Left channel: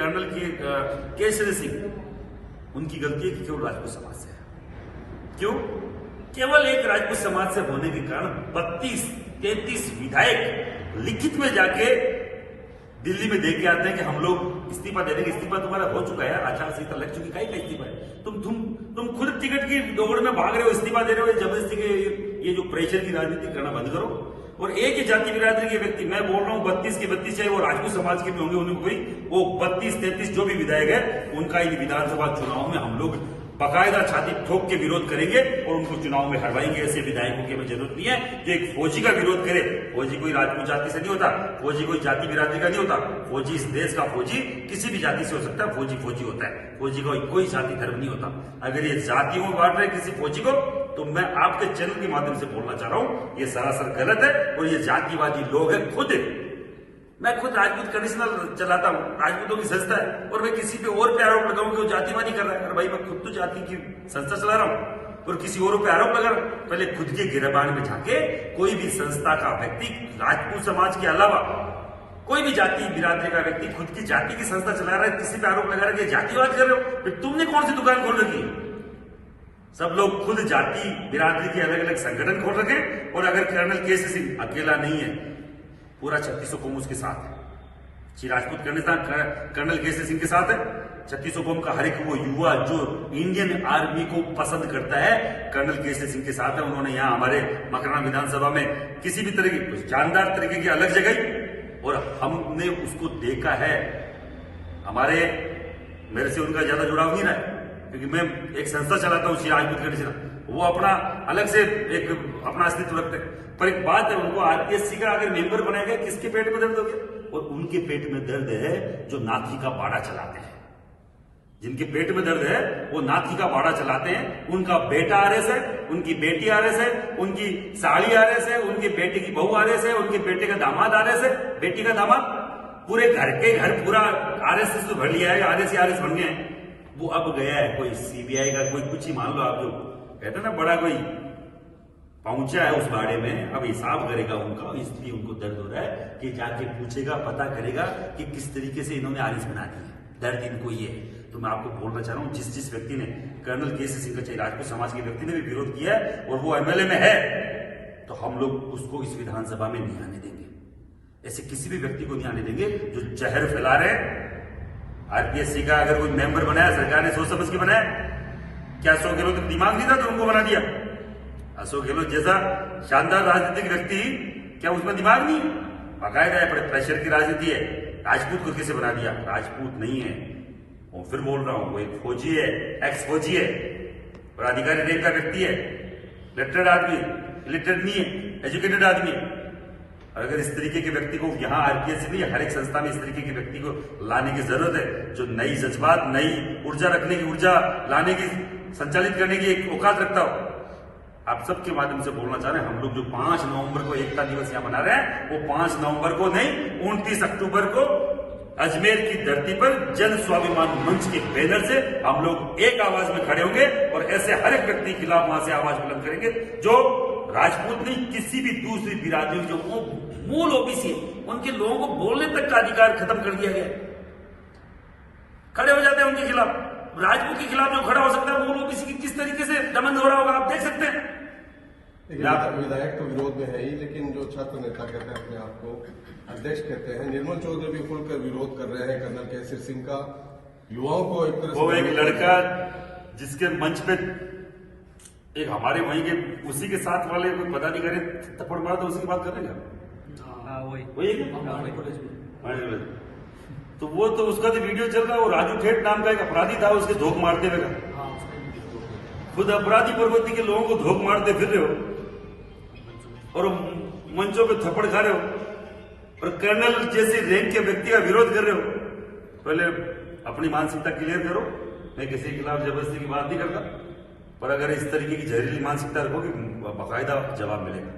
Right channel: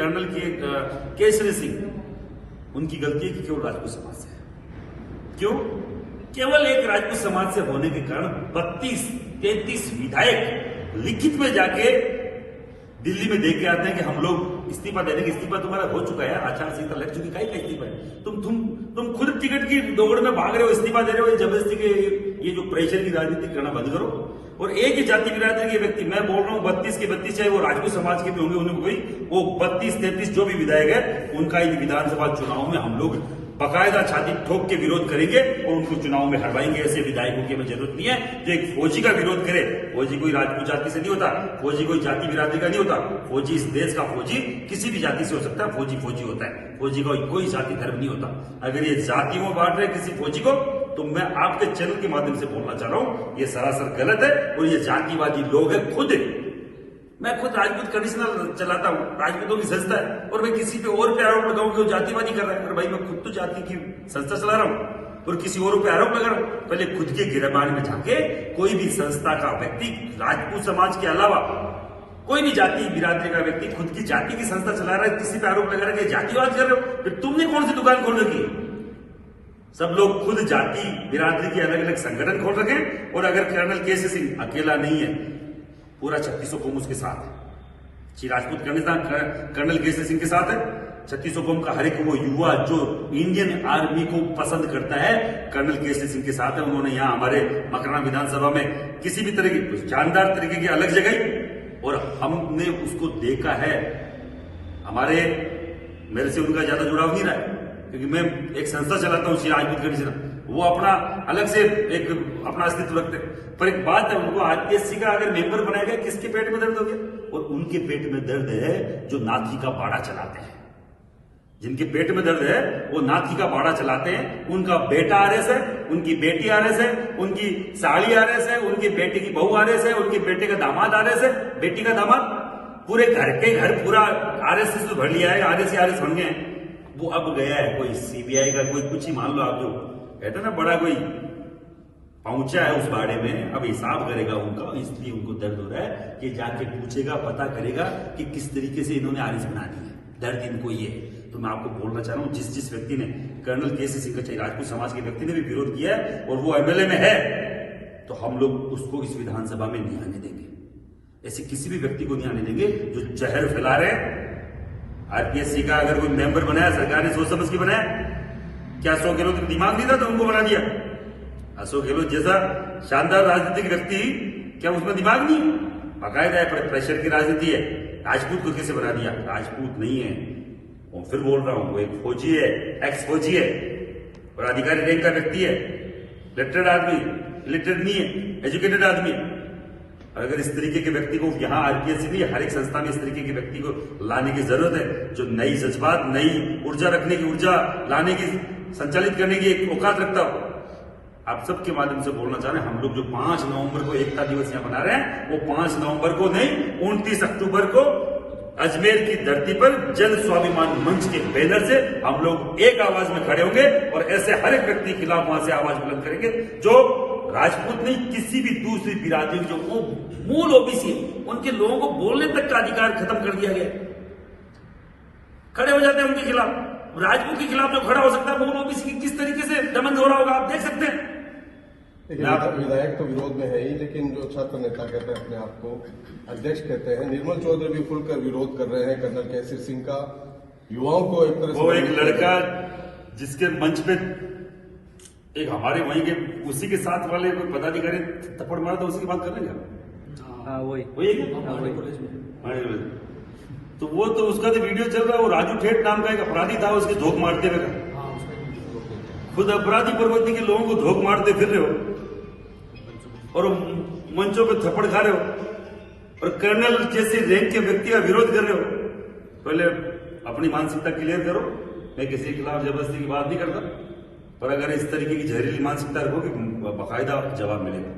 Colonel Kesari Singh, उनकी गलती है कि केवल राजपूत समाज से है। क्यों? केवल एक राजपूत समाज से होने के कारण 32-33 विधायक लिखित में जाके दिल्ली में दे के आते हैं कि हम लोग इस्तीफा दे देंगे। इस्तीफा तुम्हारा हो चुका है, आचार संहिता लग चुकी, का इस्तीफा है? तुम खुद टिकट की दौड़ में भाग रहे हो, इस्तीफा दे रहे हो। जबरदस्ती के ये जो प्रेशर की राजनीति करना बंद करो। और एक ही जाति बिरादरी के व्यक्ति, मैं बोल रहा हूं 32 के 32, चाहे वो राजपूत समाज के भी होंगे, उन्हें कोई वो 32-33 जो भी विधायक है, उनका ही विधानसभा चुनाव में हम लोग बाकायदा छाती ठोक के विरोध करेंगे और उनको चुनाव में हरवाएंगे। ऐसे विधायकों की हमें जरूरत नहीं है जो एक फौजी का विरोध करे। फौजी कोई राजपूत जाति से नहीं होता, फौजी कोई जाति बिरादरी का नहीं होता। फौजी इस देश का फौजी किसी भी जाति से हो सकता है, फौजी फौजी होता है। फौजी का कोई जाति धर्म नहीं होता। अगर ये जातियों में बांट रहे किसी फौजी को, तो मैं आपके चैनल के माध्यम से बोलना चाह रहा हूं, ये सरासर गलत है और ये जातिवादी लोग हैं। मैं खुद राजपूत कमिश्नर चलाता हूं, राजपूतों की संस्था है, और मैं किसी पे और पे आरोप लगाऊं कि वो जातिवादी कर रहा है। और भाई मैं खुद तो जाति की संस्था चला रहा हूं और किसी और पे आरोप लगा रहा हूं। पहले खुद के गिरबान में जाके कोई भी संस्था का व्यक्ति, राजपूत समाज के अलावा कोई भी जाति बिरादरी का व्यक्ति खुद की जाति की संस्था चला रहा है, किसी पे आरोप लगा रहा है कि जातिवाद कर रहे हो, फिर तुमने कौन सी दुकान खोल रखी है? सब लोग खुद जाति बिरादरी के अलग अलग संगठन खोल रखे। और अगर कर्नल केसरी सिंह अकेला नहीं है, पूरा 3600 कौम उसके साथ है। श्री राजपूत कर्नल केसरी सिंह के साथ है। 3600 कौम का हर एक वो युवा जो इंडियन आर्मी को पसंद करता है, कर्नल केसरी सिंह के साथ है। उन्होंने यहाँ हमारे मकराना विधानसभा में किसी भी तरह की जानदार तरीके की अलग जगह, और हमने उसको देखा है। मेरे से उनका ज्यादा जुड़ाव नहीं रहा है, क्योंकि मैं एक संस्था चलाता हूँ श्री राजपूत कर्नल, वो अपना अलग से एक अपना अस्तित्व रखते हैं। पर एक बात है, उनको आरपीएससी का अगर मेंबर बनाया गया, किसके पेट में दर्द हो गया? और उनके पेट में दर्द है जो नाथी का बाड़ा चलाते हैं। जिनके पेट में दर्द है वो नाथी का बाड़ा चलाते हैं। उनका बेटा आरएस है, उनकी बेटी आरएस है, उनकी साली आरएस है, उनके बेटे की बहू आरएस है, उनके बेटे का दामाद आरएस है, बेटी का दामाद, पूरे घर के घर पूरा आरएसएस तो भर लिया है, आरएस बन गए हैं। वो अब गया है कोई सीबीआई का कोई कुछ ही मान लो आप, जो कहते ना बड़ा कोई पहुंचा है उस बाड़े में, अब हिसाब करेगा उनका। इसलिए उनको दर्द हो रहा है कि जाके पूछेगा, पता करेगा कि किस तरीके से इन्होंने आरएस बना दी है। दर्द इनको ये है। तो मैं आपको बोलना चाह रहा हूं, जिस व्यक्ति ने कर्नल केसरी सिंह का, चाहे राजपूत समाज के व्यक्ति ने भी विरोध किया है और वो एमएलए में है, तो हम लोग उसको इस विधानसभा में नहीं आने देंगे। ऐसे किसी भी व्यक्ति को नहीं आने देंगे जो जहर फैला रहे हैं। आरपीएससी का अगर कोई मेंबर बनाया, सरकार ने सोच समझ के बनाया। क्या अशोक गहलोत का दिमाग नहीं था तो उनको बना दिया? अशोक गहलोत जैसा शानदार राजनीतिक व्यक्ति, क्या उसमें दिमाग नहीं? बाकायदा प्रेशर की राजनीति है। राजपूत को कैसे बना दिया? राजपूत नहीं है। और फिर बोल रहा हूं, वो एक फौजी है, एक्स फौजी है और अधिकारी रैंक का व्यक्ति है, लिटरेट आदमी, लिटरेट नहीं है, एजुकेटेड आदमी। अगर इस तरीके के व्यक्ति को यहाँ आरपीएससी नहीं, हर एक संस्था में इस तरीके के व्यक्ति को लाने की जरूरत है, जो नई जज्बात, नई ऊर्जा रखने की, ऊर्जा लाने की, संचालित करने की एक औकात रखता हो। आप सबके माध्यम से बोलना चाह रहे हैं, हम लोग जो 5 नवंबर को एकता दिवस यहाँ मना रहे हैं, वो 5 नवंबर को नहीं, 29 अक्टूबर को अजमेर की धरती पर जन स्वाभिमान मंच के बैनर से हम लोग एक आवाज में खड़े होंगे और ऐसे हर एक व्यक्ति के खिलाफ वहां से आवाज बुलंद करेंगे जो राजपूत नहीं, किसी भी दूसरी बिरादरी जो वो मूल ओबीसी है, उनके लोगों को बोलने तक का अधिकार खत्म कर दिया गया। खड़े हो जाते हैं उनके खिलाफ। राजपूत के खिलाफ जो खड़ा हो सकता है, मूल ओबीसी की किस तरीके से दमन हो रहा होगा आप देख सकते हैं। विधायक तो विरोध में है ही, लेकिन जो छात्र नेता कहते हैं अपने आप को अध्यक्ष कहते हैं, निर्मल चौधरी भी खुलकर विरोध कर रहे हैं कर्नल केसरी सिंह का। युवाओं को एक तरह से, वो एक लड़का जिसके मंच पे एक हमारे वहीं के उसी के साथ वाले कोई पदाधिकारी थप्पड़ मारा, तो उसी की बात कर रहे हैं। वही तो वो तो उसका तो वीडियो चल रहा है। वो राजू ठेठ नाम का एक अपराधी था, उसके धोख मारते हुए का। खुद अपराधी प्रवृत्ति के लोगों को धोख मारते फिर रहे हो और मंचों पे थप्पड़ खा रहे हो और कर्नल जैसे रैंक के व्यक्ति का विरोध कर रहे हो। पहले अपनी मानसिकता क्लियर करो। मैं किसी के खिलाफ जबरदस्ती की बात नहीं करता, पर अगर इस तरीके की जहरीली मानसिकता रखोगे, बाकायदा जवाब मिलेगा।